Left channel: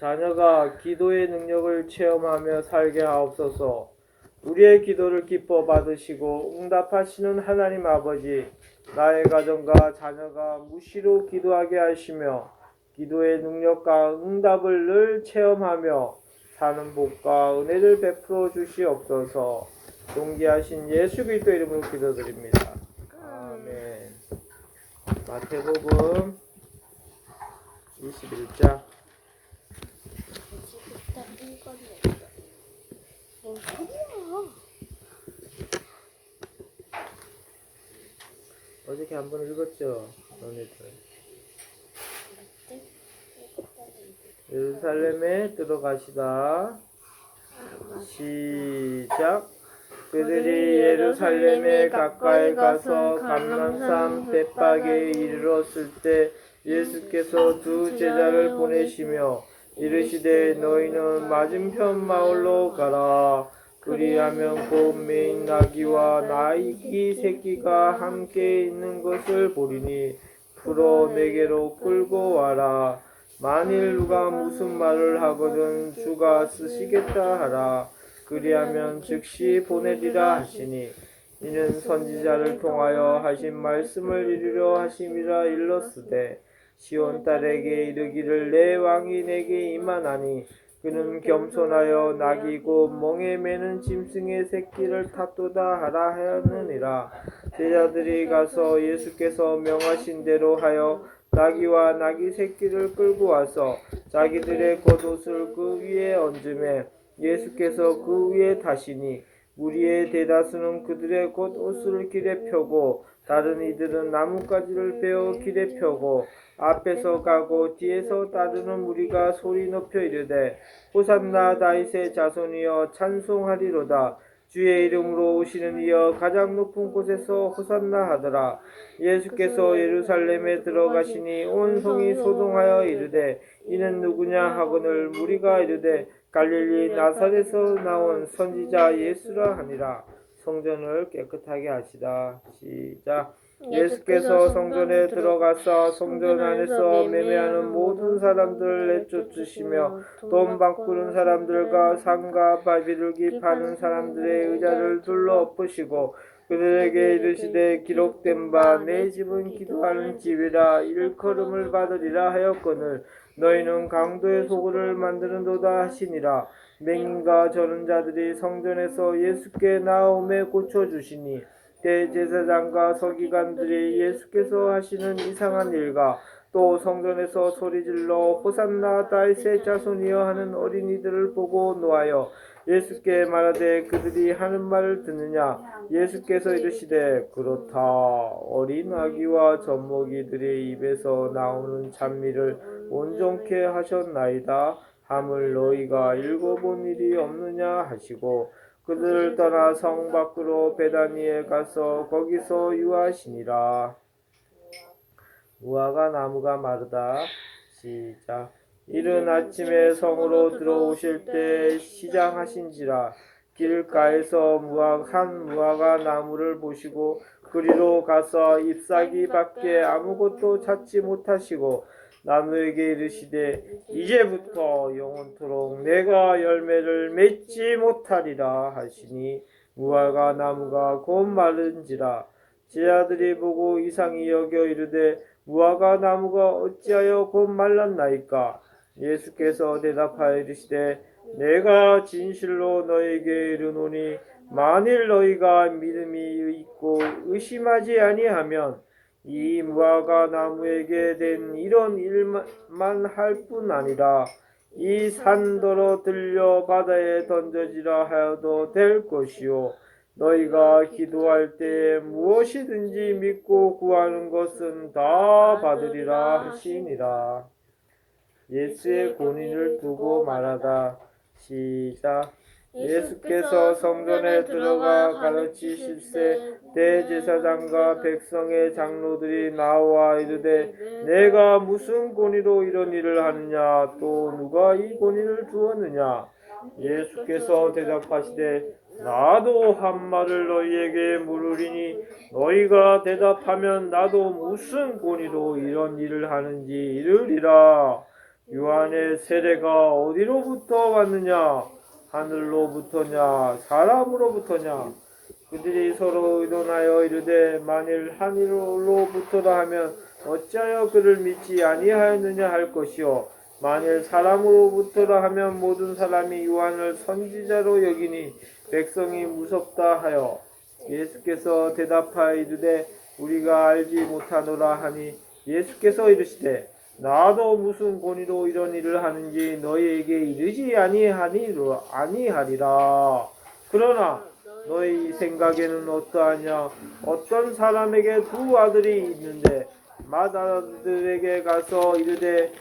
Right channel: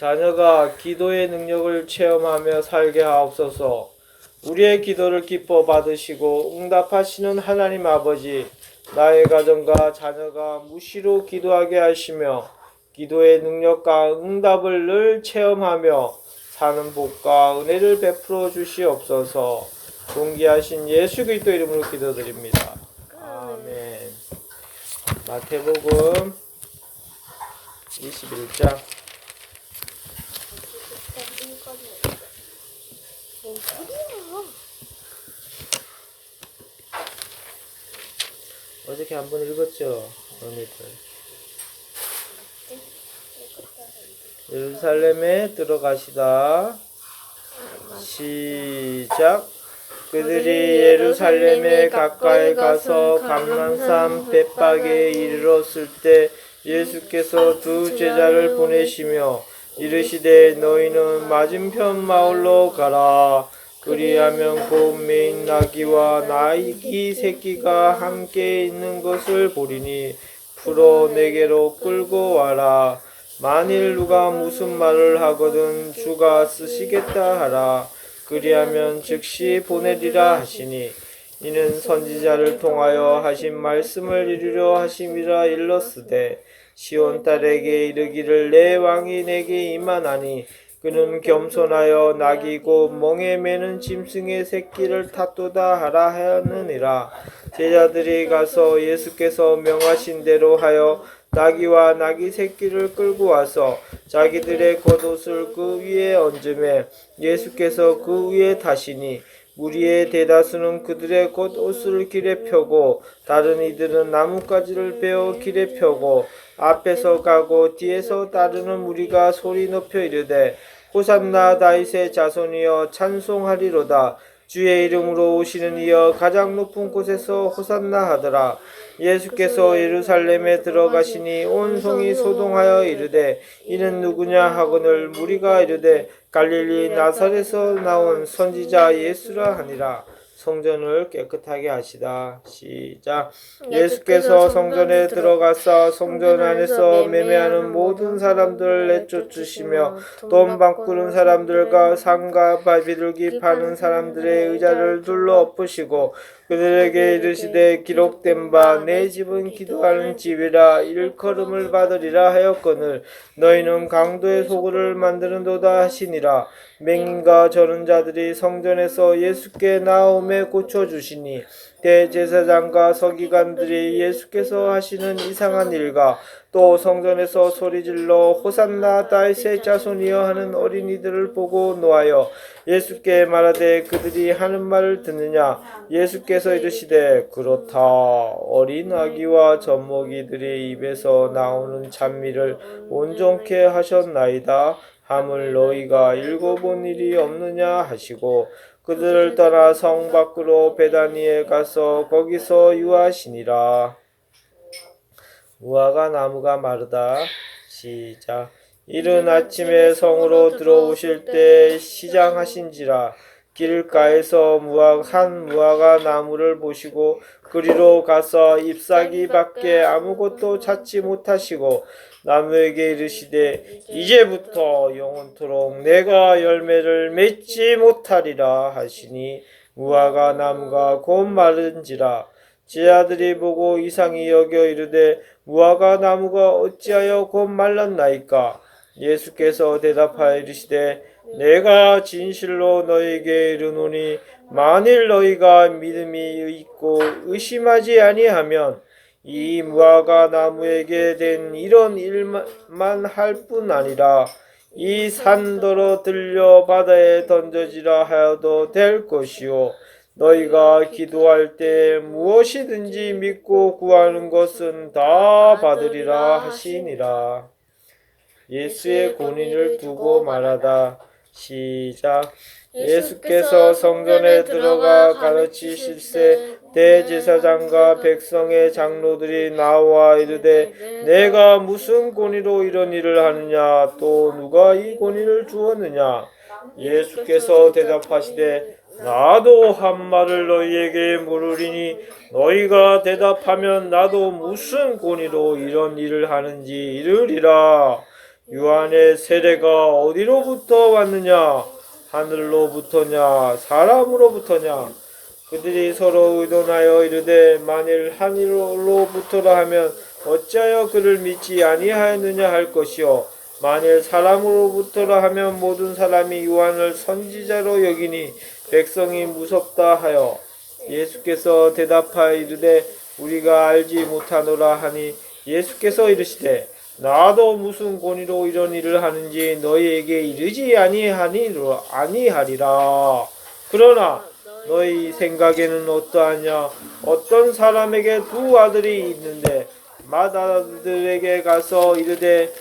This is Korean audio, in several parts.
자녀가 기도의 능력을 체험하며 살게 하옵소서. 우리의 기도를 기뻐 받으시고 응답하시는 하나님 아버지, 나의 가정과 자녀가 무시로 기도하게 하시며 기도의 능력과 응답을 늘 체험하며 사는 복과 은혜를 베풀어 주시옵소서. 존귀하신 예수 그리스도 이름으로 기도드립니다. 아멘. 마태복음 21장. 뭔 소리야? 어저께 한번 읽었죠? 너희들. 예루살렘에 들어가시다. 시작. 그들이 예루살렘에 가까이 가서 감람산 벳박에 이르렀을 때 예수께서 두 제자를 보내시며 이르시되 너희는 맞은편 마을로 가라. 그리하면 곧 매인 나귀와 나귀 새끼가 함께 있는 것을 보리니 풀어 내게로 끌고 와라. 만일 누가 무슨 말을 하거든 주가 쓰시겠다 하라. 그리하면 즉시 보내리라 하시니 이는 선지자를 통하여 하신 말씀을 이루려 하심이라 일렀으되 시온 딸에게 이르기를 내 왕이 내게 임하나니 그는 겸손하여 나귀고 멍에 매는 짐승의 새끼를 탔도다 하라 하였느니라. 제자들이 가서 예수께서 명하신 대로 하여 나귀와 나귀 새끼를 끌고 와서 자기들의 겉옷을 그 위에 얹음에 예수께서 그 위에 타시니 무리의 대다수는 그들의 겉옷을 길에 펴고 다른 이들은 나뭇가지를 베어 길에 펴고 앞에서 가고 뒤에서 따르는 무리가 소리 높여 이르되 호산나 다윗의 자손이여 찬송하리로다. 주의 이름으로 오시는 이여 가장 높은 곳에서 호산나 하더라. 예수께서 예루살렘에 들어가시니 온 성이 소동하여 이르되 이는 누구냐 하거늘 무리가 이르되 갈릴리 나사렛에서 나온 선지자 예수라 하니라. 성전을 깨끗하게 하시다. 시작. 예수께서 성전에 들어가사 성전 안에서 매매하는 모든 사람들을 내쫓으시며 돈 바꾸는 사람들과 상과 바비들기 파는 사람들의 의자를 둘러 엎으시고 그들에게 이르시되 기록된 바 내 집은 기도하는 집이라 일컬음을 받으리라 하였거늘 너희는 강도의 소굴을 만드는도다 하시니라. 맹인과 저는 자들이 성전에서 예수께 나옴에 고쳐주시니 대제사장과 서기관들이 예수께서 하시는 이상한 일과 또 성전에서 소리질러 호산나 다윗의 자손이여 하는 어린이들을 보고 노하여 예수께 말하되 그들이 하는 말을 듣느냐. 예수께서 이르시되 그렇다. 어린 아기와 젖먹이들의 입에서 나오는 찬미를 온전케 하셨나이다. 함을 너희가 읽어본 일이 없느냐 하시고 그들을 떠나 성 밖으로 베다니에 가서 거기서 유하시니라. 무화과 나무가 마르다. 시작. 이른 아침에 성으로 들어오실 때 시장하신지라. 길가에서 한 무화과 나무를 보시고 그리로 가서 잎사귀 밖에 아무것도 찾지 못하시고 나무에게 이르시되 이제부터 영원토록 내가 열매를 맺지 못하리라 하시니 무화과 나무가 곧 마른지라. 제자들이 보고 이상히 여겨 이르되 무화과 나무가 어찌하여 곧 말랐나이까. 예수께서 대답하여 이르시되 내가 진실로 너희에게 이르노니 만일 너희가 믿음이 있고 의심하지 아니하면 이 무화과 나무에게 된 이런 일만 할 뿐 아니라 이 산더러 들려 바다에 던져지라 하여도 될 것이요 너희가 기도할 때 무엇이든지 믿고 구하는 것은 다 받으리라 하시니라. 예수의 권위를 두고 말하다. 시작. 예수께서 성전에 들어가 가르치실세 대제사장과 백성의 장로들이 나와 이르되 내가 무슨 권위로 이런 일을 하느냐. 또 누가 이 권위를 주었느냐. 예수께서 대답하시되 나도 한 말을 너희에게 물으리니 너희가 대답하면 나도 무슨 권위로 이런 일을 하는지 이르리라. 요한의 세례가 어디로부터 왔느냐? 하늘로부터냐? 사람으로부터냐? 그들이 서로 의논하여 이르되 만일 하늘로부터라 하면 어찌하여 그를 믿지 아니하였느냐 할 것이요 만일 사람으로부터라 하면 모든 사람이 요한을 선지자로 여기니 백성이 무섭다 하여 예수께서 대답하여 이르되 우리가 알지 못하노라 하니 예수께서 이르시되 나도 무슨 권위로 이런 일을 하는지 너희에게 이르지 아니하리라. 그러나 너희 생각에는 어떠하냐? 어떤 사람에게 두 아들이 있는데 맏아들에게 가서 이르되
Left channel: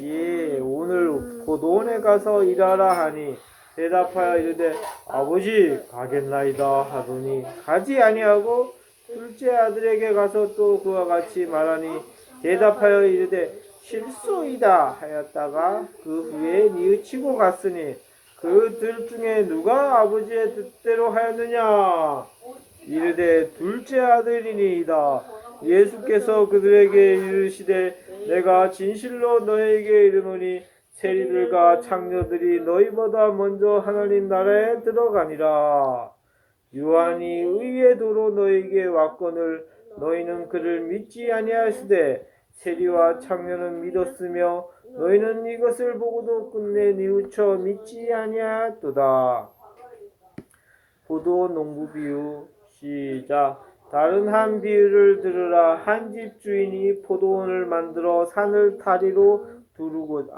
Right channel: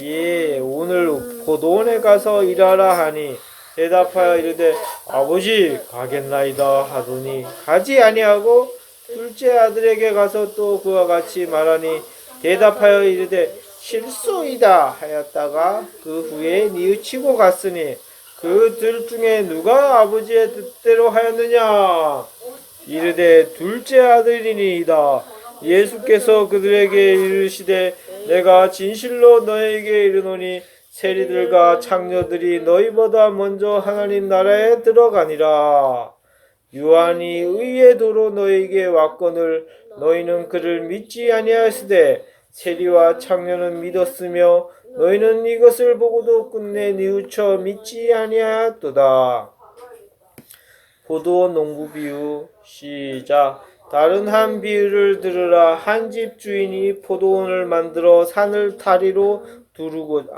예 오늘 포도원에 가서 일하라 하니 대답하여 이르되 아버지 가겠나이다 하더니 가지 아니하고 둘째 아들에게 가서 또 그와 같이 말하니 대답하여 이르되 실소이다 하였다가 그 후에 뉘우치고 갔으니 그 둘 중에 누가 아버지의 뜻대로 하였느냐? 이르되 둘째 아들이니이다. 예수께서 그들에게 이르시되 내가 진실로 너에게 이르노니 세리들과 창녀들이 너희보다 먼저 하나님 나라에 들어가니라. 요한이 의의 도로 너희에게 왔거늘 너희는 그를 믿지 아니하시되 세리와 창녀는 믿었으며 너희는 이것을 보고도 끝내 뉘우쳐 믿지 아니하였도다. 포도원 농부 비유 시작. 다른 한 비유를 들으라. 한 집 주인이 포도원을 만들어 산을 타리로 두르고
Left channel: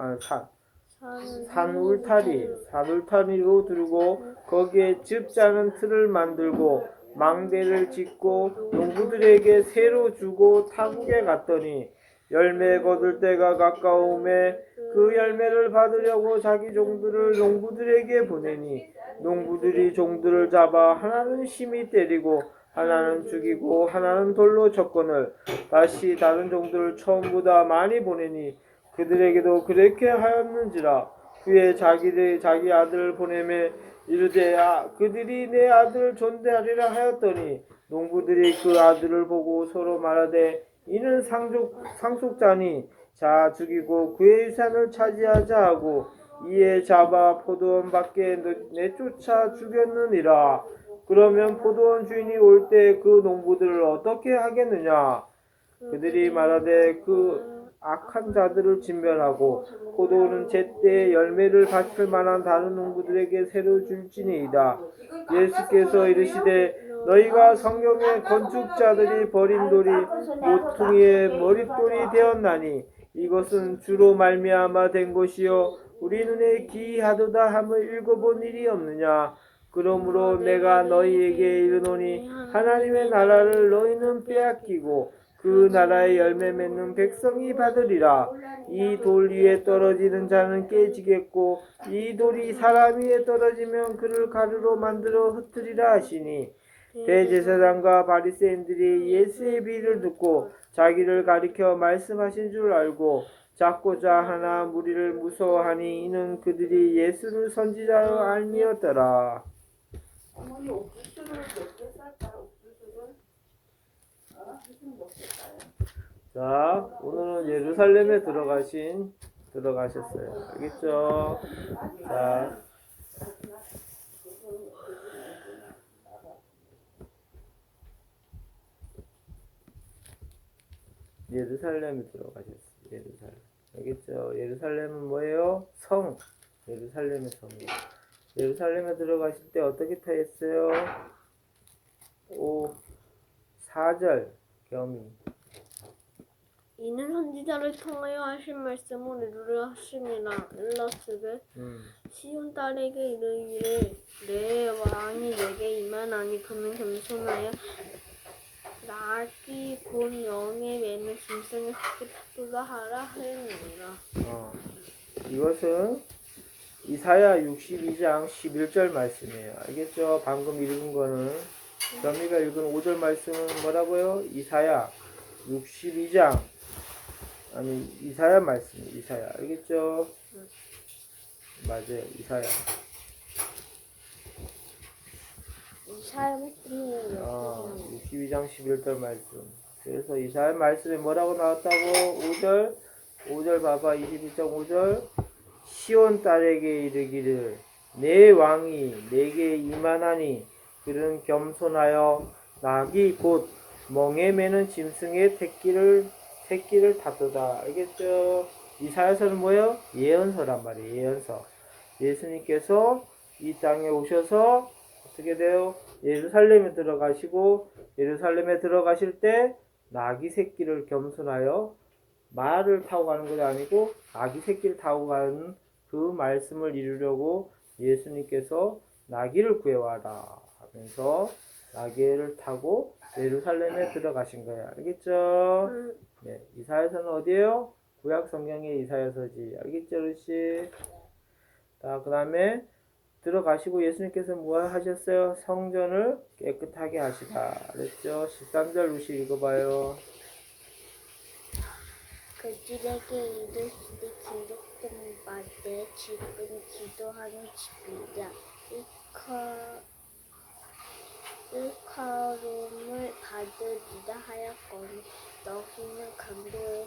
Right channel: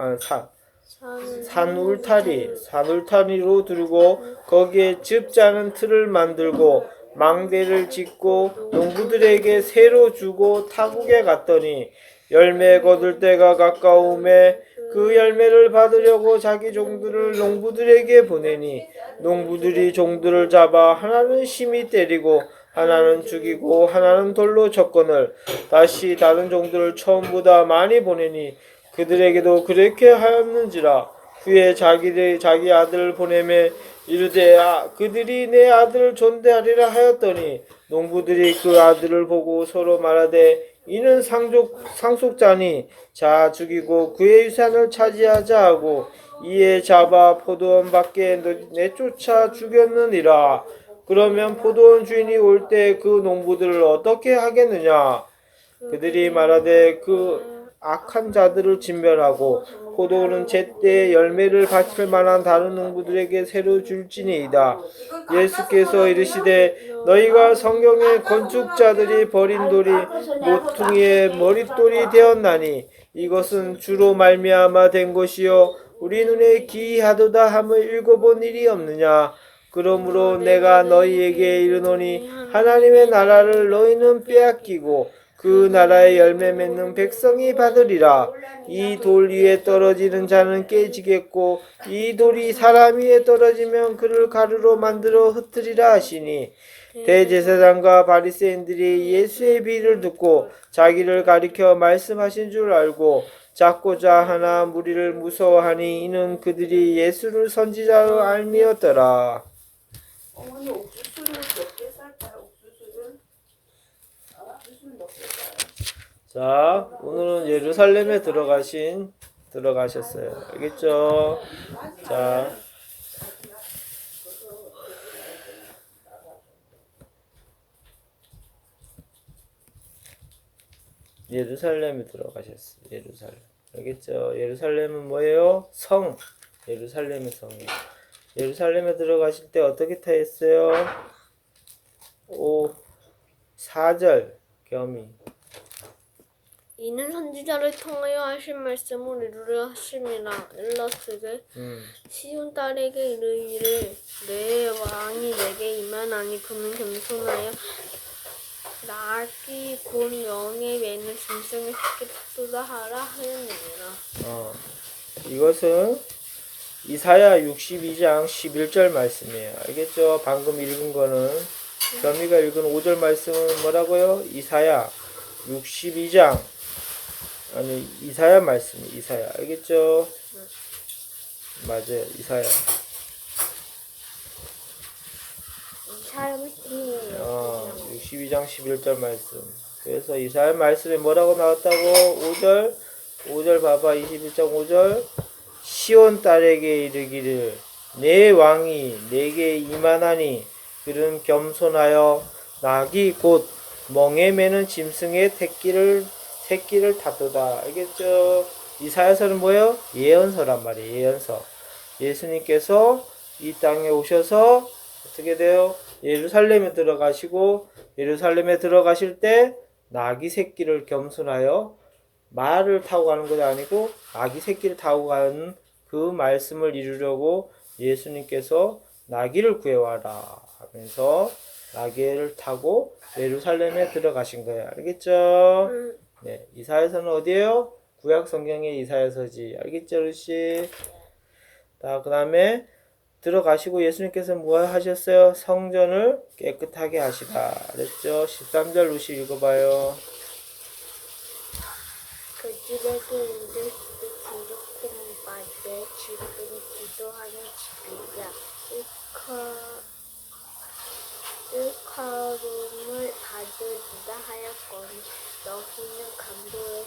산울타리로 두르고 거기에 즙자는 틀을 만들고 망대를 짓고 농부들에게 새로 주고 타국에 갔더니 열매 거둘 때가 가까움에 그 열매를 받으려고 자기 종들을 농부들에게 보내니 농부들이 종들을 잡아 하나는 심히 때리고 하나는 죽이고 하나는 돌로 쳤거늘 다시 다른 종들을 처음보다 많이 보내니 그들에게도 그렇게 하였는지라. 후에 자기 아들을 보내매 이르되 그들이 내 아들을 존대하리라 하였더니 농부들이 그 아들을 보고 서로 말하되 이는 상속자니 자 죽이고 그의 유산을 차지하자 하고 이에 잡아 포도원 밖에 내쫓아 죽였느니라. 그러면 포도원 주인이 올 때 그 농부들을 어떻게 하겠느냐? 그들이 말하되 그 악한 자들을 진멸하고 포도원은 제때 열매를 바칠 만한 다른 농부들에게 새로 줄지니이다. 예수께서 이르시되 너희가 성경의 건축자들이 버린 돌이 모퉁이의 머릿돌이 되었나니 이것은 주로 말미암아 된 것이요 우리 눈에 기이하도다 함을 읽어본 일이 없느냐. 그러므로 내가 너희에게 이르노니 하나님의 나라를 너희는 빼앗기고 그 나라의 열매 맺는 백성이 받으리라. 이 돌 위에 떨어지는 자는 깨지겠고 이 돌이 사람 위에 떨어지면 그를 가루로 만들어 흩으리라 하시니 대제사장과 바리새인들이 예수의 비유를 듣고 자기를 가리켜 말씀하신 줄 알고 잡고자 하나 무리를 무서워하니 이는 그들이 예수를 선지자로 알미었더라. 어머니 옥수수를 몇 개 쌀까요? 옥수수를? 옥수수는 몇 개 쌀까요? 자, 오늘은 예루살렘에 들어가셨어요. 알겠죠? 자, 예루살렘에 들어가셨어요. 예루살렘. 알겠죠? 예루살렘은 뭐예요? 성. 예루살렘의 성이에요. 예루살렘에 들어가실 때 어떻게 타했어요? 4절 겸이. 이는 선지자를 통하여 하신 말씀을 이루려 하심이라. 일러스되 시온 딸에게 이르기를 내 왕이 내게 임하나니 그는 겸손하여 나귀 곧 영에 매는 짐승의 새끼 탔도다 하라 하였느니라. 이것은 이사야 62장 11절 말씀이에요. 알겠죠? 방금 읽은 거는 겸이가 읽은 5절 말씀은 뭐라고요? 이사야 62장 이사야 말씀이 이사야. 알겠죠? 맞아요. 이사야. 이사야 말씀이에요. 62장 11절 말씀. 그래서 이사야 말씀에 뭐라고 나왔다고? 5절 5절 봐봐. 21장 5절. 시온 딸에게 이르기를 내 왕이 내게 임하나니 그는 겸손하여 낙이 곧 멍에 매는 짐승의 새끼를 다투다. 알겠죠? 이사야서는 뭐예요? 예언서란 말이에요. 예언서. 예수님께서 이 땅에 오셔서 어떻게 돼요? 예루살렘에 들어가시고 예루살렘에 들어가실 때 나귀 새끼를 겸손하여 말을 타고 가는 것이 아니고 나귀 새끼를 타고 가는 그 말씀을 이루려고 예수님께서 나귀를 구해와라 하면서 나귀를 타고 예루살렘에 들어가신 거예요. 알겠죠? 네, 이사야서는 어디예요? 구약 성경의 이사야서지. 알겠죠, 루시? 자, 그 다음에 들어가시고 예수님께서 뭐 하셨어요? 성전을 깨끗하게 하시다. 그랬죠? 13절 루시 읽어봐요. 그 집에게 이르시되 기록된 바내 집은 기도하는 집이야. 일컬음을 받으리라 하였거니 너희는 강도의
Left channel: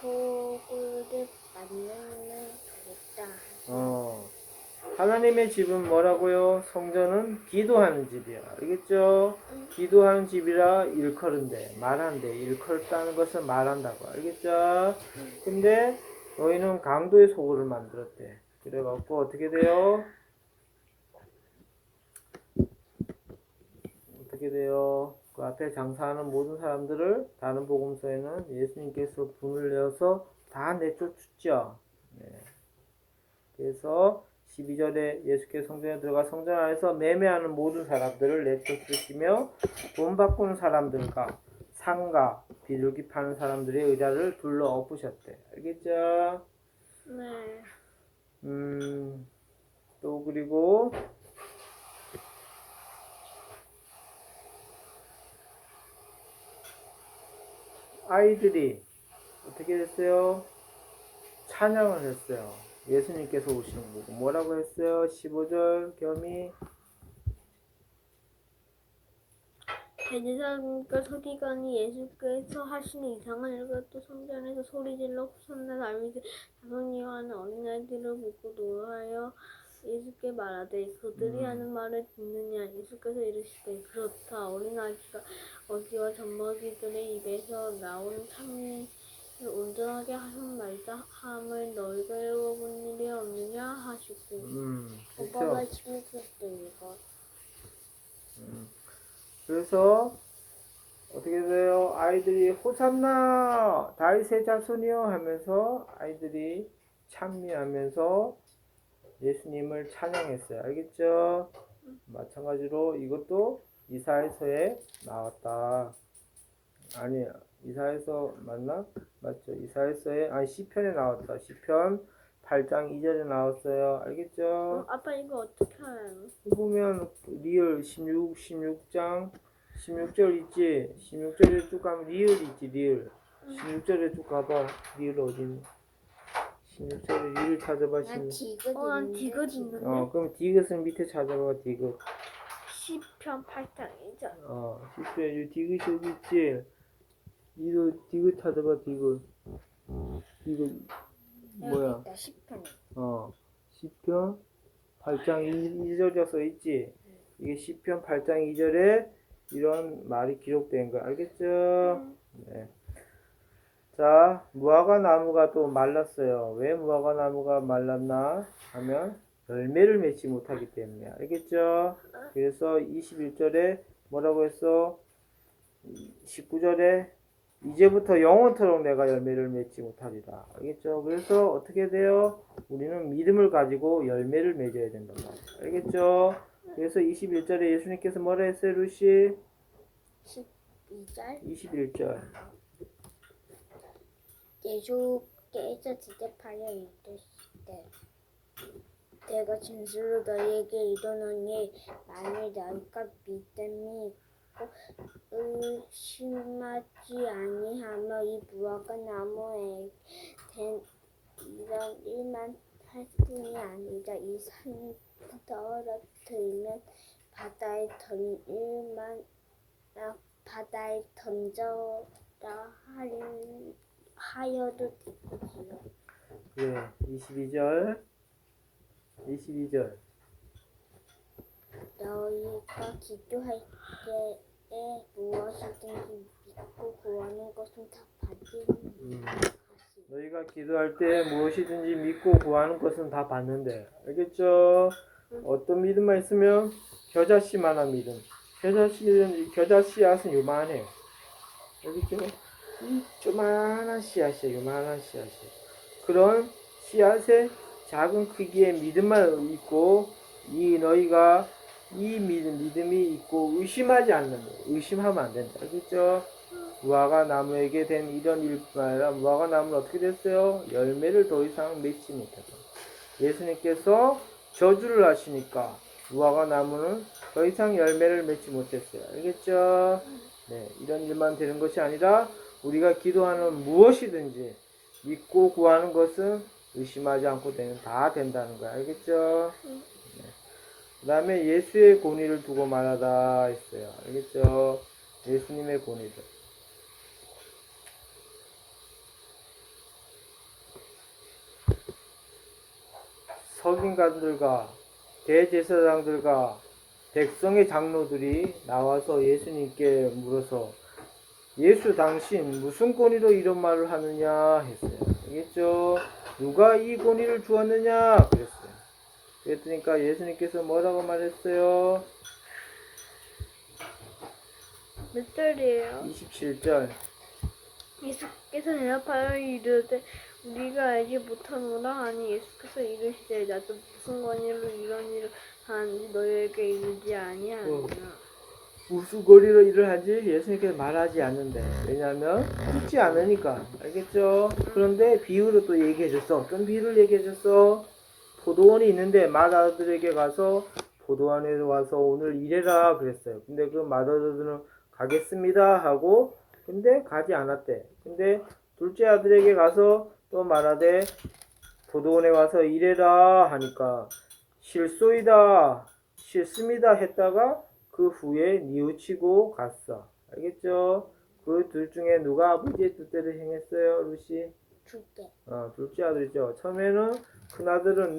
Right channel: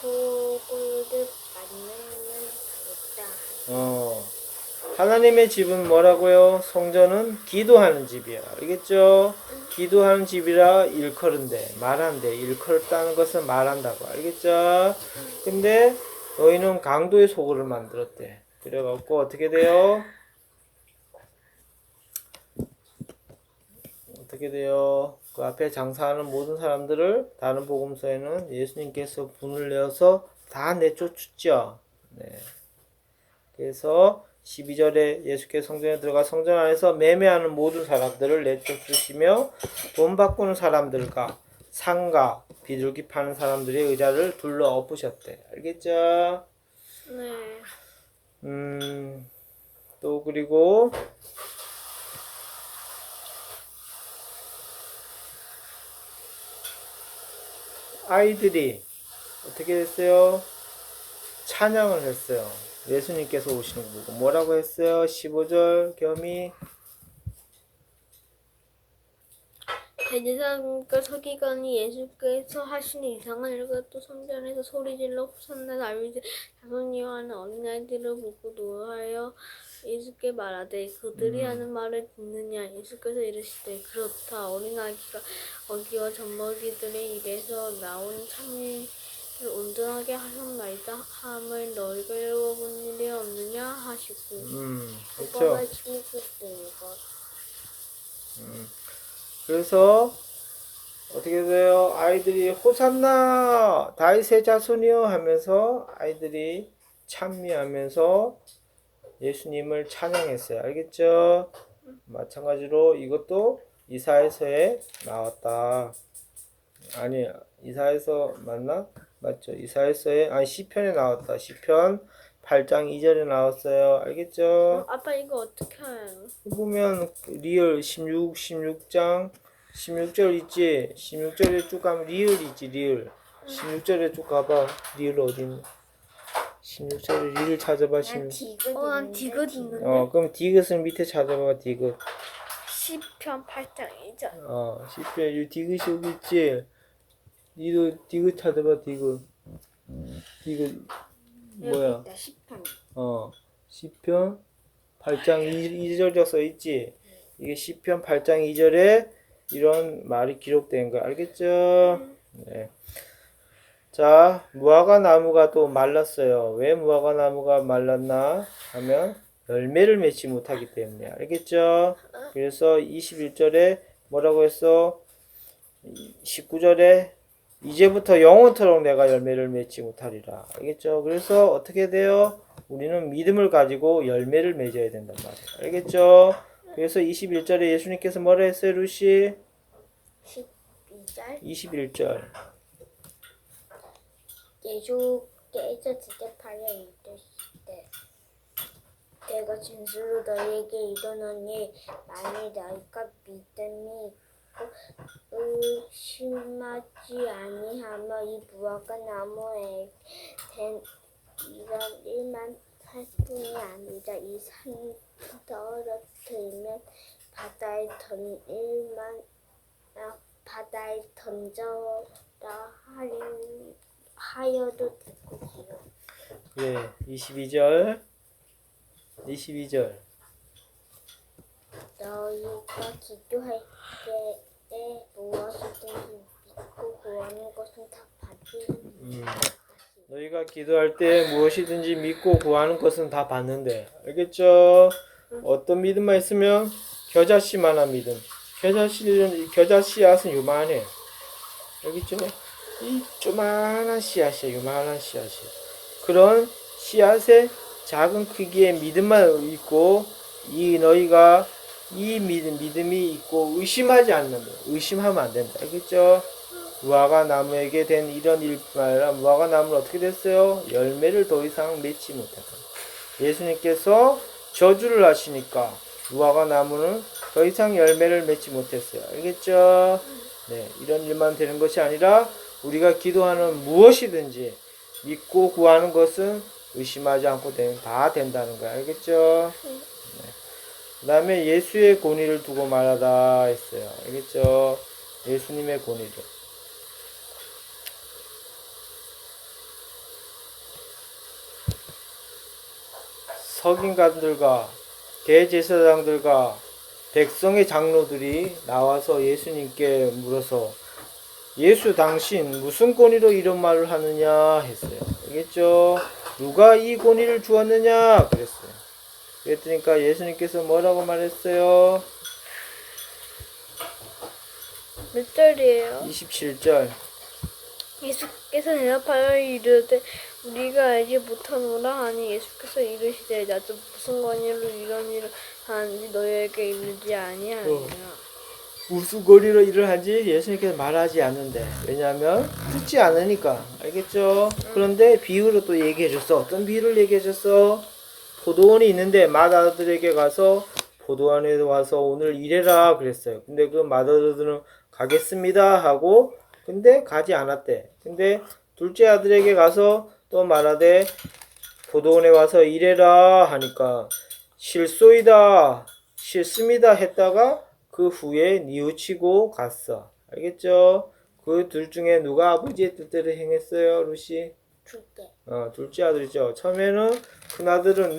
소굴을 만나면 되겠다. 하나님의 집은 뭐라고요? 성전은 기도하는 집이야. 알겠죠? 기도하는 집이라 일컬은데 말한대. 일컬다는 것은 말한다고. 알겠죠? 근데 너희는 강도의 소굴을 만들었대. 그래갖고 어떻게 돼요? 어떻게 돼요? 그 앞에 장사하는 모든 사람들을 다른 복음서에는 예수님께서 분을 내어서 다 내쫓았죠. 네. 그래서 12절에 예수께서 성전에 들어가 성전 안에서 매매하는 모든 사람들을 내쫓으시며 돈 바꾸는 사람들과 상가, 비둘기 파는 사람들의 의자를 둘러 엎으셨대. 알겠죠? 네. 또 그리고 아이들이 어떻게 됐어요? 찬양을 했어요. 예수님께서 오시는 거 보고 뭐라고 했어요? 15절 겸이 대제사장과 서기관이 예수께서 하시는 이상한 일과 또 성전에서 소리질러 호산나 다윗의 자손이여 하는 어린아이들을 보고 노하여 예수께 말하되 그들이 하는 말을 듣느냐. 예수께서 이르시되 그렇다. 어린아기가 어기와 젖먹이들의 입에서 나온 참이를 온전하게 하셨나이다 함을 너희가 읽어본 일이 없느냐 하시고. 오빠 그렇죠. 말씀이 그때 이거. 그래서 어떻게 돼요? 아이들이 호산나 다윗의 자손이요 하면서 아이들이 찬미하면서 예수님을 찬양했어요. 알겠죠? 마찬가지로 이것도 이사야서에 나왔다. 아니 이사야서 맞나? 맞죠? 이사야서에 아니 시편에 나왔다. 시편 8장 2절에 나왔어요. 알겠죠? 아빠 이거 어떻게 해요? 보면 리을 16장 16절 있지? 16절에 쭉 가면 리을 있지 리을 16절에 쭉 가봐. 리을 어딨니? 16절에 리을 찾아봐. 난 디귿 있는데? 그럼 디귿은 밑에 찾아봐. 디귿 시편 8장 2절. 시편 이 디귿이 여기 있지? 니도 디귿 찾아봐. 디귿 뭐야? 시편 8장 2절 써 있지? 이게 시편 8장 2절에 이런 말이 기록된 거 알겠죠? 네. 자, 무화과 나무가 또 말랐어요. 왜 무화과 나무가 말랐나 하면 열매를 맺지 못하기 때문에 알겠죠? 그래서 21절에 뭐라고 했어? 19절에 이제부터 영원토록 내가 열매를 맺지 못하리라. 알겠죠? 그래서 어떻게 돼요? 우리는 믿음을 가지고 열매를 맺어야 된단 말이에요. 알겠죠? 그래서 21절에 예수님께서 뭐라 했어요, 루시? 12절 21절. 예수께서 대답하여 이르시되 내가 진실로 너희에게 이르노니 만일 너희가 믿음이 있고 의심하지 아니하면 이 무화과 나무에 된 이런 일만 할 뿐이 아니라 이 산 떨어뜨리면 바다에 던져라 하여도 되고 기요. 예, 22절. 22절. 너희가 기도할 때에 무엇이든지 믿고 구하는 것은 다 받으리라. 너희가 기도할 때 무엇이든지 믿고 구하는 것은 다 받는데. 알겠죠? 어떤 믿음만 있으면 겨자씨만한 믿음. 겨자 씨앗은 요만해. 알겠죠? 이 조만한 씨앗이야. 요만한 씨앗이. 그런 씨앗의 작은 크기의 믿음만 있고 너희가 이 믿음이 있고 의심하지 않는 거. 의심하면 안 된다. 알겠죠? 무화과 나무에게 된 이런 일말라 무화과 나무는 어떻게 됐어요? 열매를 더 이상 맺지 못하다. 예수님께서 저주를 하시니까 무화과 나무는 더 이상 열매를 맺지 못했어요. 알겠죠? 네, 이런 일만 되는 것이 아니라 우리가 기도하는 무엇이든지 믿고 구하는 것은 의심하지 않고 되면 다 된다는 거야. 알겠죠? 네. 그 다음에 예수의 권위를 두고 말하다 했어요. 알겠죠? 예수님의 권위를. 서긴관들과 대제사장들과 백성의 장로들이 나와서 예수님께 물어서 예수 당신 무슨 권위로 이런 말을 하느냐 했어요. 알겠죠? 누가 이 권위를 주었느냐 그랬어요. 그랬더니까 예수님께서 뭐라고 말했어요? 몇 절이에요? 27절. 예수께서 대답하여 이르되 우리가 알지 못하노라 하니 예수께서 이르시되 나도 무슨 권위로 이런 일을 하는지 너희에게 이르지 아니하느냐. 무슨 권위로 일을 하지 예수님께서 말하지 않는데 왜냐하면 듣지 않으니까. 알겠죠? 그런데 비유로 또 얘기해 줬어. 어떤 비유를 얘기해 줬어? 포도원이 있는데 맏아들에게 가서 포도원에 와서 오늘 일해라 그랬어요. 근데 그 맏아들은 가겠습니다 하고 근데 가지 않았대. 근데 둘째 아들에게 가서 또 말하되 포도원에 와서 일해라 하니까 싫소이다 싫습니다 했다가 그 후에 뉘우치고 갔어. 알겠죠? 그 둘 중에 누가 아버지의 뜻대로 행했어요, 루시? 둘째. 둘째 아들이죠. 처음에는 큰아들은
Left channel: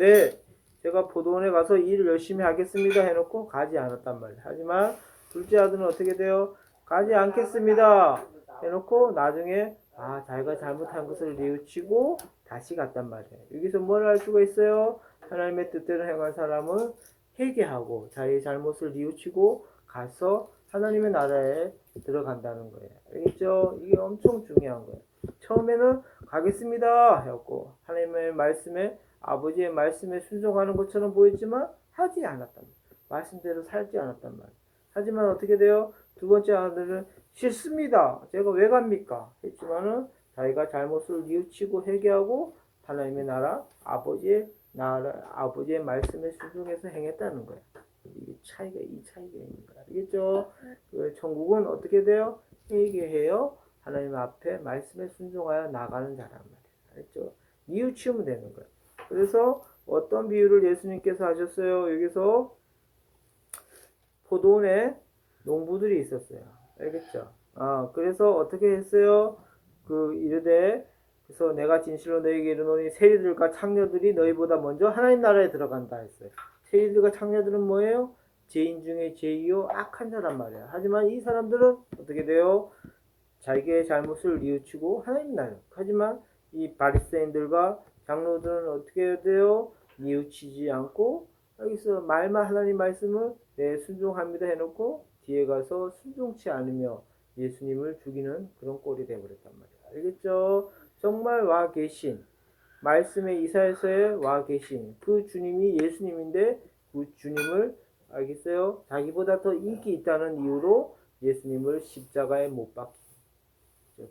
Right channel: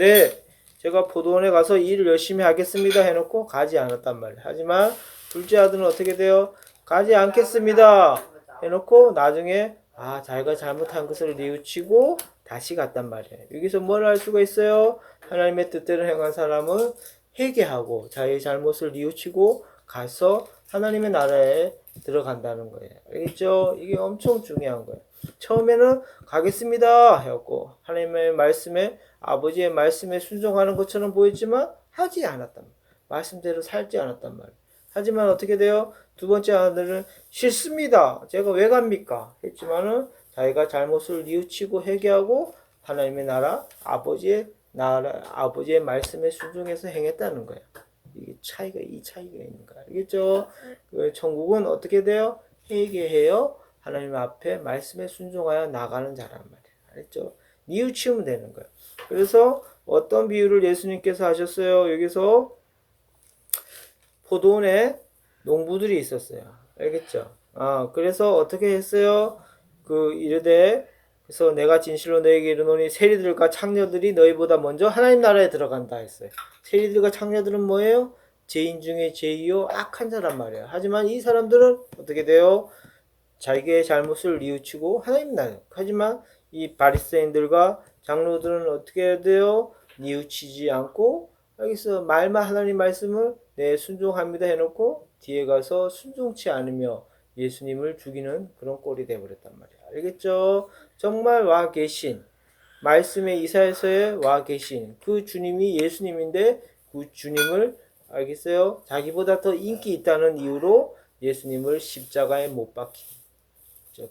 제가 포도원에 가서 일을 열심히 하겠습니다 해놓고 가지 않았단 말이에요. 하지만 둘째 아들은 어떻게 돼요? 가지 않겠습니다 해놓고 나중에 자기가 잘못한 것을 뉘우치고 다시 갔단 말이에요. 여기서 뭘 알 수가 있어요? 하나님의 뜻대로 행한 사람은 회개하고 자기의 잘못을 뉘우치고 가서 하나님의 나라에 들어간다는 거예요. 알겠죠? 이게 엄청 중요한 거예요. 처음에는 가겠습니다 해갖고 하나님의 말씀에 아버지의 말씀에 순종하는 것처럼 보였지만 하지 않았단 말이에요. 말씀대로 살지 않았단 말이에요. 하지만 어떻게 돼요? 두 번째 아들은 싫습니다. 제가 왜 갑니까? 했지만은 자기가 잘못을 뉘우치고 회개하고 하나님의 나라 아버지의 말씀에 순종해서 행했다는 거예요. 이 차이가 있는 거야. 알겠죠? 천국은 어떻게 돼요? 회개해요. 하나님 앞에 말씀에 순종하여 나가는 자란 말이에요. 알겠죠? 뉘우치면 되는 거예요. 그래서 어떤 비유를 예수님께서 하셨어요? 여기서 포도원에 농부들이 있었어요. 알겠죠? 그래서 어떻게 했어요? 이르되 그래서 내가 진실로 너에게 이르노니 세리들과 창녀들이 너희보다 먼저 하나님 나라에 들어간다 했어요. 세리들과 창녀들은 뭐예요? 죄인 중에 죄이요 악한 자란 말이에요. 하지만 이 사람들은 어떻게 돼요? 자기의 잘못을 뉘우치고 하나님 나라. 하지만 이 바리새인들과 장로들은 어떻게 돼요? 뉘우치지 않고 여기서 하나님 말씀을 순종합니다 해놓고 뒤에 가서 순종치 않으며 예수님을 죽이는 그런 꼴이 되어버렸단 말이에요. 알겠죠? 정말 와 계신 말씀의 이사야서에 와 계신 그 주님이 예수님인데 그 주님을 알겠어요? 자기보다 더 인기 있다는 이유로 예수님을 십자가에 못 박힌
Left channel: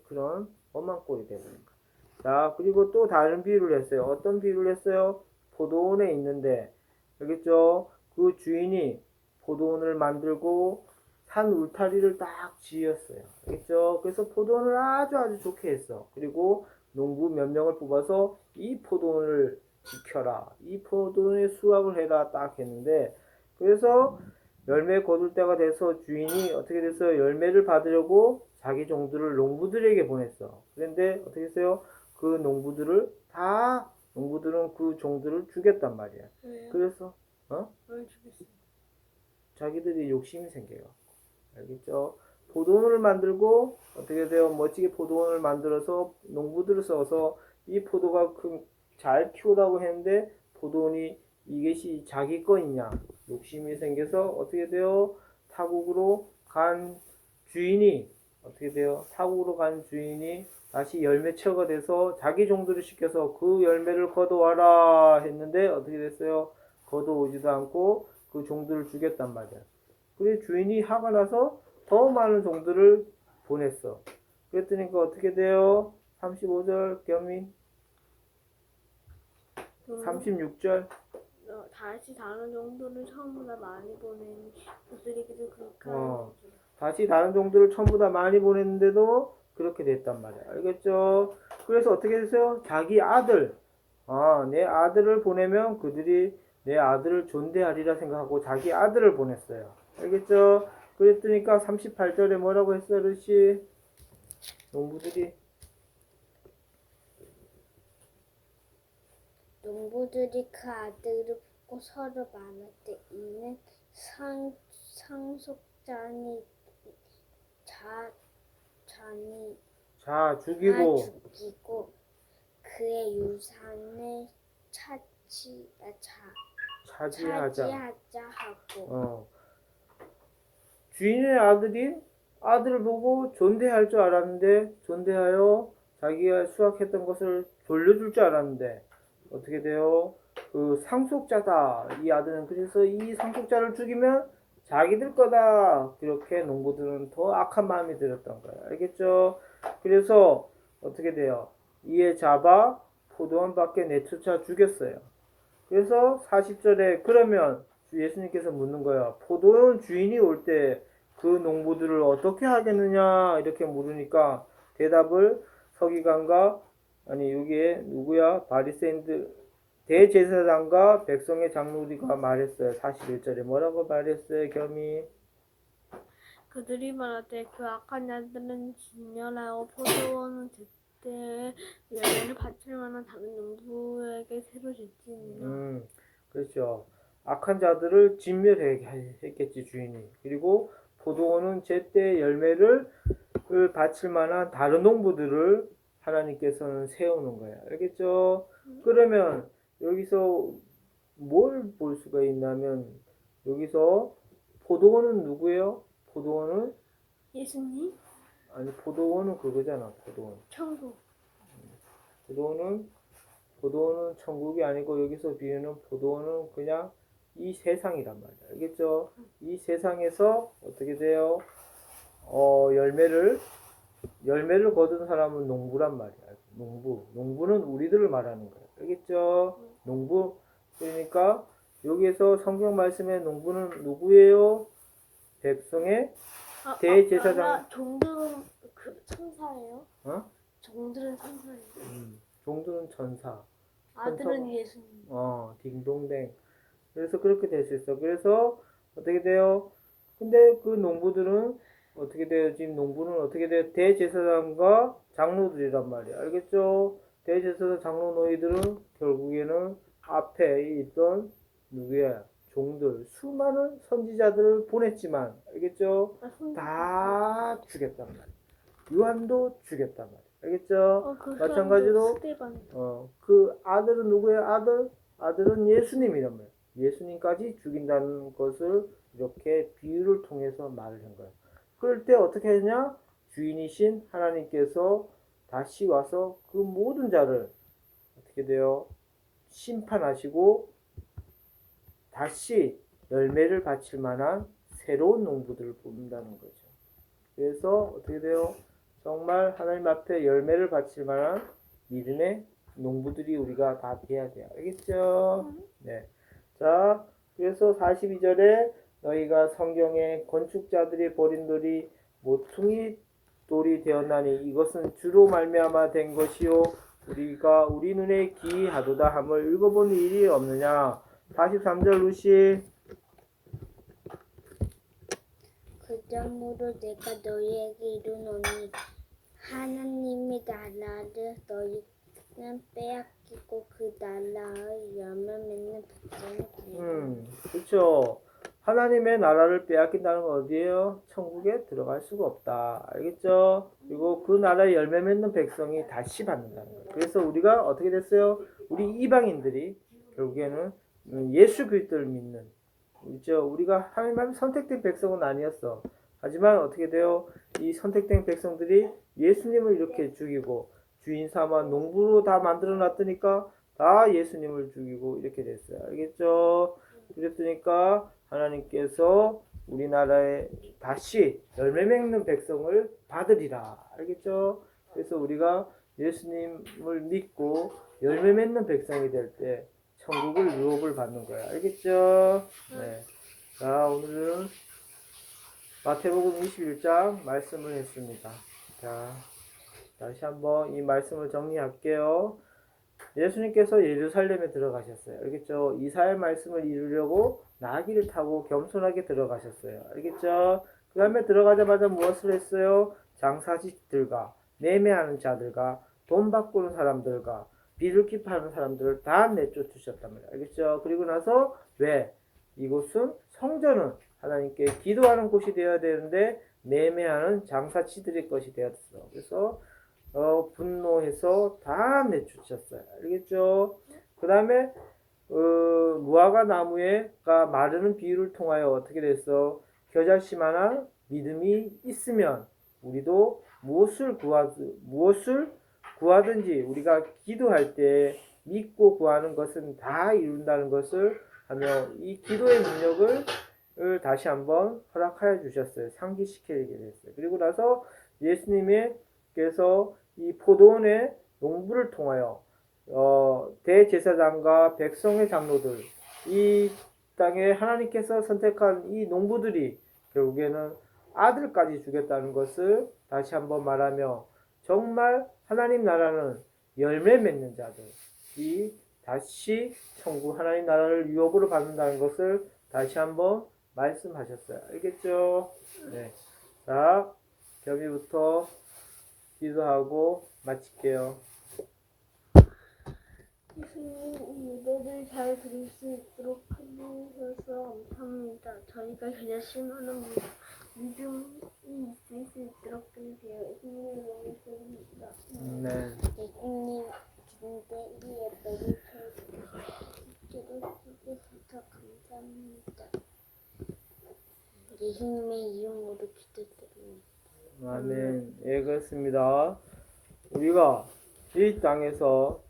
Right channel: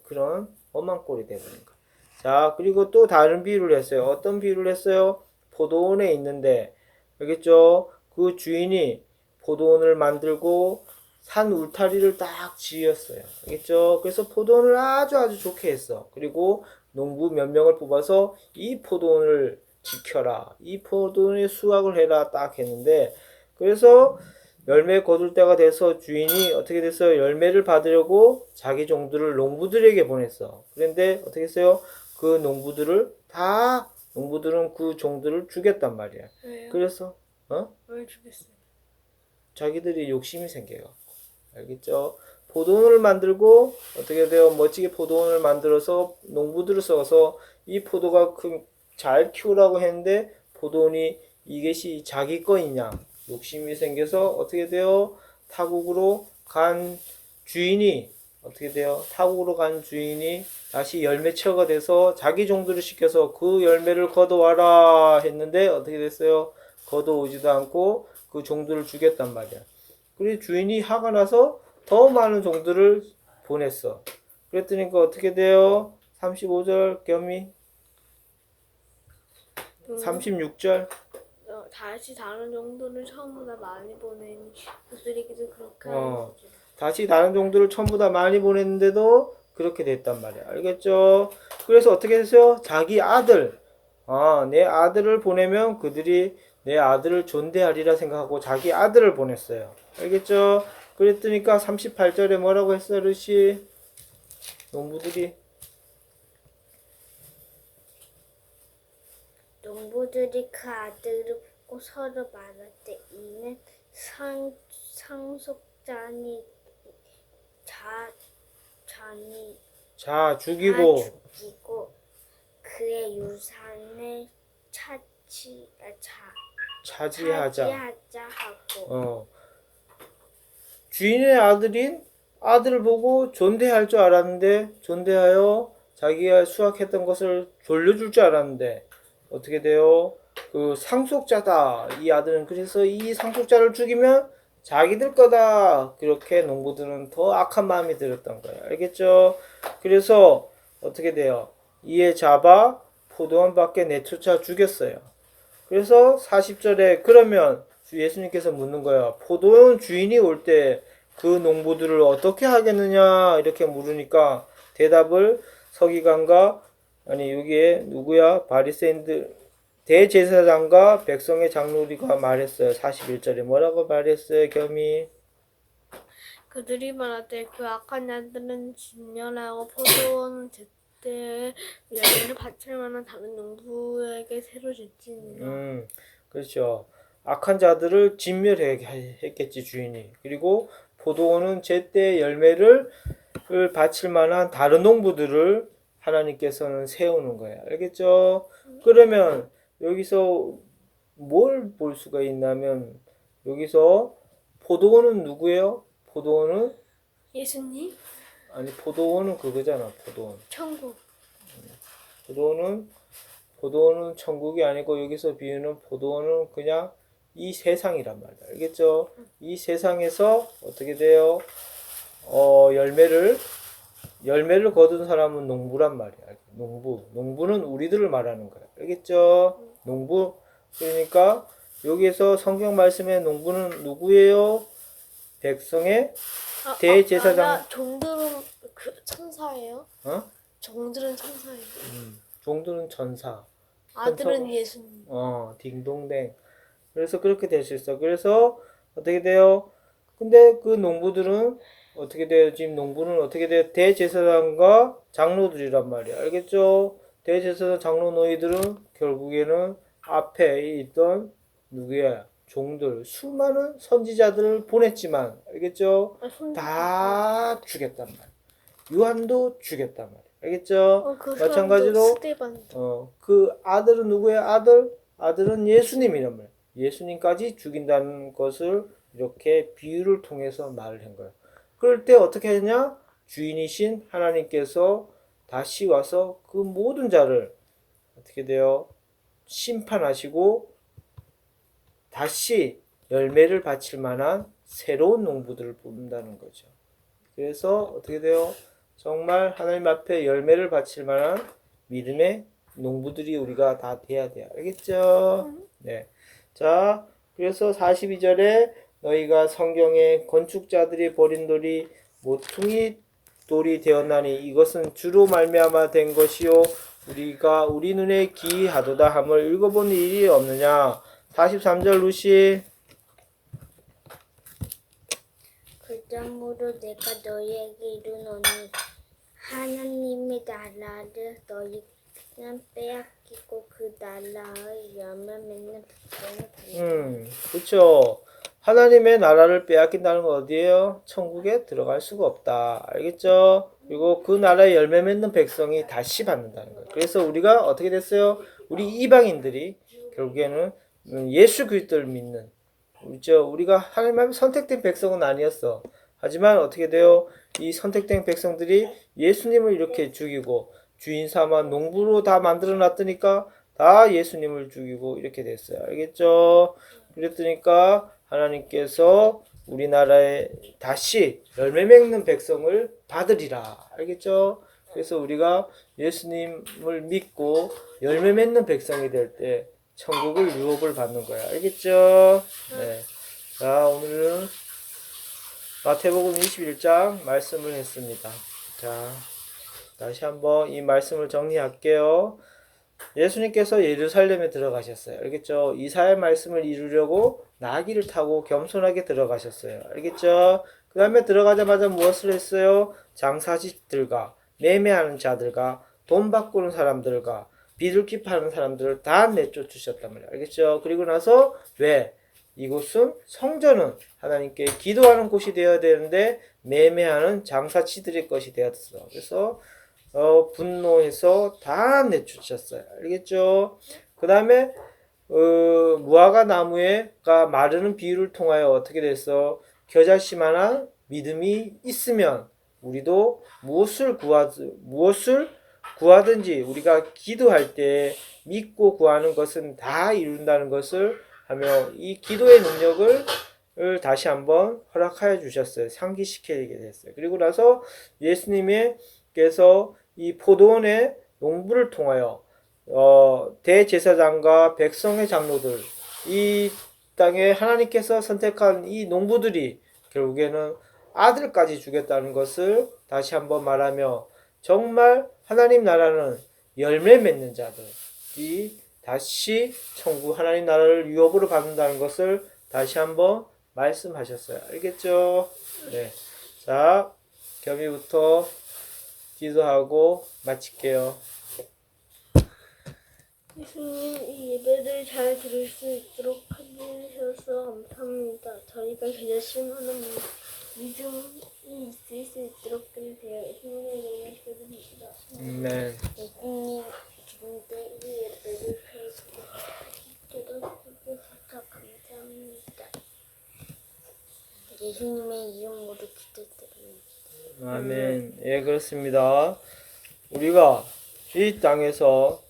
그런 험한 꼴이 되어버린 거예요. 자, 그리고 또 다른 비유를 했어요. 어떤 비유를 했어요? 포도원에 있는데 알겠죠? 그 주인이 포도원을 만들고 산 울타리를 딱 지었어요. 알겠죠? 그래서 포도원을 아주 좋게 했어. 그리고 농부 몇 명을 뽑아서 이 포도원을 지켜라. 이 포도원에 수확을 해라 딱 했는데 그래서 열매 거둘 때가 돼서 주인이 어떻게 됐어요? 열매를 받으려고 자기 종들을 농부들에게 보냈어. 그런데 어떻게 했어요? 그 농부들은 그 종들을 죽였단 말이야. 왜요? 그래서 왜 죽였어요? 자기들이 욕심이 생겨요. 알겠죠? 포도원을 만들고 어떻게 돼요? 멋지게 포도원을 만들어서 농부들을 써서 이 포도가 잘 키우라고 했는데 포도원이 이것이 자기 거이냐 욕심이 생겨서 어떻게 돼요? 타국으로 간 주인이 어떻게 돼요? 타국으로 간 주인이 다시 열매처가 돼서 자기 종들을 시켜서 그 열매를 걷어와라 했는데 어떻게 됐어요? 걷어오지도 않고 그 종들을 죽였단 말이야. 그리고 주인이 화가 나서 더 많은 종들을 보냈어. 그랬더니 어떻게 돼요? 35절 겸이 36절 다시 다른 종들을 처음보다 많이 보내니 그들에게도 그렇게 하는 거죠. 다시 다른 종들을 전부 다 많이 보냈는데도 그렇게 됐단 말이야. 알겠죠? 그래서 어떻게 했어요? 자기 아들, 내 아들을 보내면 그들이 내 아들을 존대하리라 생각하고 자기 아들을 보냈어요. 알겠죠? 그랬더니까 38절에 뭐라고 했어요, 르시? 농부들이 그 아들을 보고 서로 말하되 이는 상속자니 죽이고 죽이고 그의 유산을 차지하자 하고 주인의 아들을 보고 존대할 줄 알았는데 존대하여 자기가 수확했던 것을 돌려줄 줄 알았는데 어떻게 돼요? 그 상속자다 이 아들은. 그래서 이 상속자를 죽이면 자기들 거다. 그렇게 농부들은 더 악한 마음이 들었던 거예요. 알겠죠? 그래서 어떻게 돼요? 이에 잡아 포도원 밖에 내쫓아 죽였어요. 그래서 40절에 그러면 주 예수님께서 묻는 거예요. 포도원 주인이 올 때 그 농부들을 어떻게 하겠느냐 이렇게 물으니까 대답을 서기관과 여기에 누구야? 바리새인들 대제사장과 백성의 장로리가 말했어요. 41절에 뭐라고 말했어요? 겸이 그들이 말하되 그 악한 자들은 진멸하고 포도원은 제때 열매를 바칠 만한 다른 농부에게 새로 줄지니라. 그렇죠. 악한 자들을 진멸했겠지 주인이. 그리고 포도원은 제때 열매를 바칠 만한 다른 농부들을 하나님께서는 세우는 거야. 알겠죠? 그러면 여기서 뭘 볼 수가 있냐면 여기서 포도원은 누구예요? 포도원은 예수님? 아니 포도원은 그거잖아. 포도원. 천국. 포도원은 천국이 아니고 여기서 비유는 포도원은 그냥 이 세상이란 말이야. 알겠죠? 이 세상에서 어떻게 돼요? 열매를 거둔 사람은 농부란 말이야. 농부는 우리들을 말하는 거야. 알겠죠? 농부. 그러니까 여기에서 성경 말씀에 농부는 누구예요? 백성의 대제사장. 종들은 천사예요? 종들은 천사예요. 종들은 전사. 아들은 예수님. 딩동댕. 그래서 그렇게 될 수 있어. 그래서 어떻게 돼요? 근데 그 농부들은 어떻게 돼요? 지금 농부는 어떻게 돼요? 대제사장과 장로들이란 말이야. 알겠죠? 대제사장 장로 너희들은 결국에는 앞에 있던 누구야? 종들, 수많은 선지자들을 보냈지만 알겠죠? 다 죽였단 말이야. 요한도 죽였단 말이야. 알겠죠? 마찬가지로 그 아들은 누구야? 아들은 예수님이란 말이야. 예수님까지 죽인다는 것을 이렇게 비유를 통해서 말을 한 거예요. 그럴 때 어떻게 하냐? 주인이신 하나님께서 다시 와서 그 모든 자를 어떻게 돼요? 심판하시고 다시 열매를 바칠 만한 새로운 농부들을 뽑는다는 거죠. 그래서 어떻게 돼요? 정말 하나님 앞에 열매를 바칠 만한 믿음의 농부들이 우리가 다 돼야 돼요. 알겠죠? 네. 자, 그래서 42절에 너희가 성경에 건축자들이 버린 돌이 모퉁이 돌이 되었나니 이것은 주로 말미암아 된 것이요 우리가 우리 눈에 기이하도다 함을 읽어본 일이 없느냐. 43절 루시 그러므로 내가 너희에게 이르노니 하나님의 나라를 너희는 빼앗기고 그 나라의 열매 맺는 백성을 받는다. 그렇죠. 하나님의 나라를 빼앗긴다는 건 어디예요? 천국에 들어갈 수가 없다. 알겠죠? 그리고 그 나라의 열매 맺는 백성이 다시 받는다는 거예요. 그래서 우리가 어떻게 됐어요? 우리 이방인들이 결국에는 예수 그리스도를 믿는, 그렇죠? 우리가 하나님 선택된 백성은 아니었어. 하지만 어떻게 돼요? 이 선택된 백성들이 예수님을 이렇게 죽이고 주인 삼아 농부로 다 만들어 놨더니까 다 예수님을 죽이고 이렇게 됐어요. 알겠죠? 그랬더니까 하나님께서 우리나라에 다시 열매 맺는 백성을 받으리라. 알겠죠? 그래서 우리가 예수님을 믿고 열매 맺는 백성이 될 때 천국을 유업을 받는 거야. 알겠죠? 네. 자, 오늘은 마태복음 21장 말씀을 했습니다. 자, 다시 한번 이 말씀을 정리할게요. 예수님께서 예루살렘에 들어가셨어요. 알겠죠? 이사야 말씀을 이루려고 나귀를 타고 겸손하게 들어가셨어요. 알겠죠? 그 다음에 들어가자마자 무엇을 했어요? 장사직들과 매매하는 자들과 돈 바꾸는 사람들과 비둘기 파는 사람들을 다 내쫓으셨단 말이에요. 알겠죠? 그리고 나서 왜? 이곳은 성전은 하나님께 기도하는 곳이 되어야 되는데 매매하는 장사치들의 것이 되었어. 그래서 분노해서 다 내쫓았어요. 알겠죠? 그 다음에 무화과 나무에가 마르는 비유를 통하여 어떻게 됐어? 겨자씨만한 믿음이 있으면 우리도 무엇을 구하든지 우리가 기도할 때 믿고 구하는 것은 다 이룬다는 것을 하며 이 기도의 능력을 다시 한번 허락하여 주셨어요. 상기시키게 됐어요. 그리고 나서 예수님께서 이 포도원의 농부를 통하여 대제사장과 백성의 장로들, 이 땅에 하나님께서 선택한 이 농부들이 결국에는 아들까지 주겠다는 것을 다시 한번 말하며 정말 하나님 나라는 열매 맺는 자들이 다시 천국 하나님 나라를 유업으로 받는다는 것을 다시 한번 말씀하셨어요. 알겠죠? 네. 자, 겸이부터 기도하고 마칠게요. 예수님, 이 예배를 잘 들을 수 있도록 해주셔서 감사합니다. 저희가 겨자씨만한 믿음이 있을 수 있도록 해주세요. 예수님의 이름으로 기도드립니다. 아멘. 예수님 기름때 이 예배를 해주셔서 감사합니다. 예수님의 이름으로 기도드립니다. 아멘. 예, 그렇습니다. 우리가 이 땅에서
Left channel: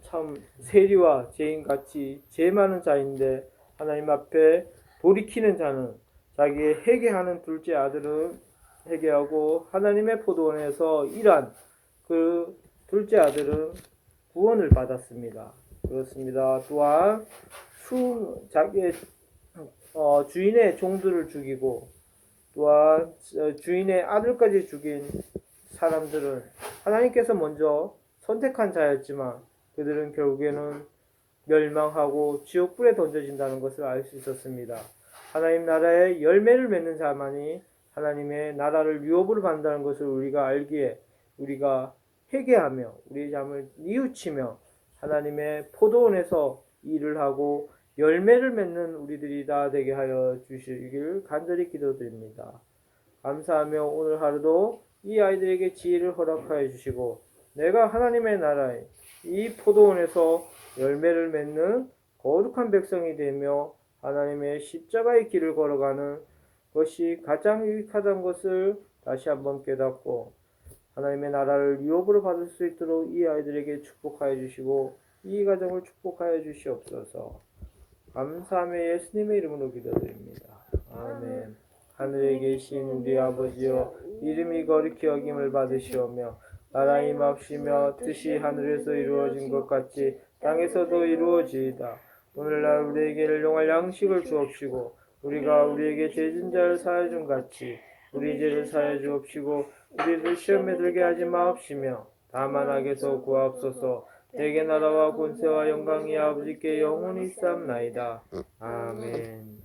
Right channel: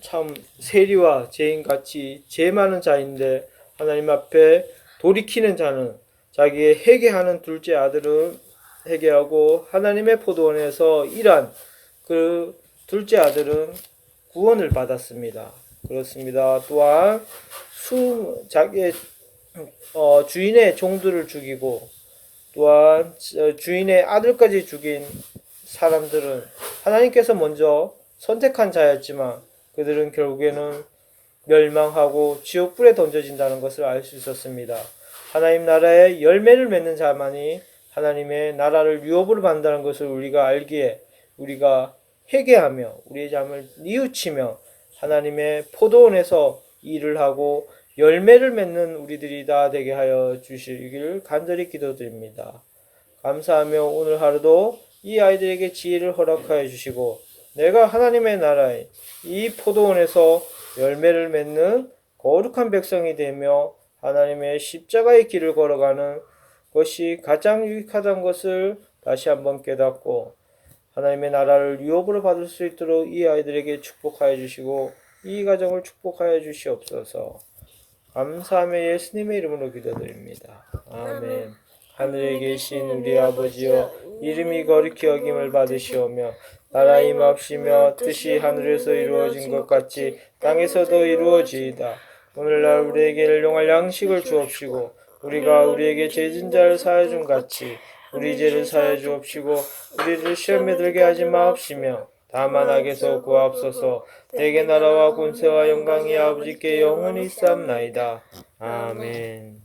참 세리와 죄인같이 죄 많은 자인데 하나님 앞에 돌이키는 자는 자기의 회개하는 둘째 아들은 회개하고 하나님의 포도원에서 일한 그 둘째 아들은 구원을 받았습니다. 그렇습니다. 또한 자기의 주인의 종들을 죽이고 또한 주인의 아들까지 죽인 사람들은 하나님께서 먼저 선택한 자였지만 그들은 결국에는 멸망하고 지옥불에 던져진다는 것을 알 수 있었습니다. 하나님 나라의 열매를 맺는 자만이 하나님의 나라를 유업으로 받는다는 것을 우리가 알기에 우리가 회개하며 우리의 잠을 뉘우치며 하나님의 포도원에서 일을 하고 열매를 맺는 우리들이 다 되게 하여 주시길 간절히 기도드립니다. 감사하며 오늘 하루도 이 아이들에게 지혜를 허락하여 주시고 내가 하나님의 나라에 이 포도원에서 열매를 맺는 거룩한 백성이 되며 하나님의 십자가의 길을 걸어가는 것이 가장 유익하다는 것을 다시 한번 깨닫고 하나님의 나라를 유업으로 받을 수 있도록 이 아이들에게 축복하여 주시고 이 가정을 축복하여 주시옵소서. 감사하며 예수님의 이름으로 기도드립니다. 아멘. 하늘에 계신 우리 아버지여 이름이 거룩히 여김을 받으시오며 나라 임합시며 뜻이 하늘에서 이루어진 것 같이 땅에서도 이루어지이다. 오늘날 우리에게 일용할 양식을 주옵시고 우리가 우리에게 죄진 자를 사하여 준 같이 우리 죄를 사하여 주옵시고 우리를 시험에 들게 하지 마옵시며 다만 악에서 구하옵소서. 내게 나라와 권세와 영광이 아버지께 영원히 쌓나이다. 아멘.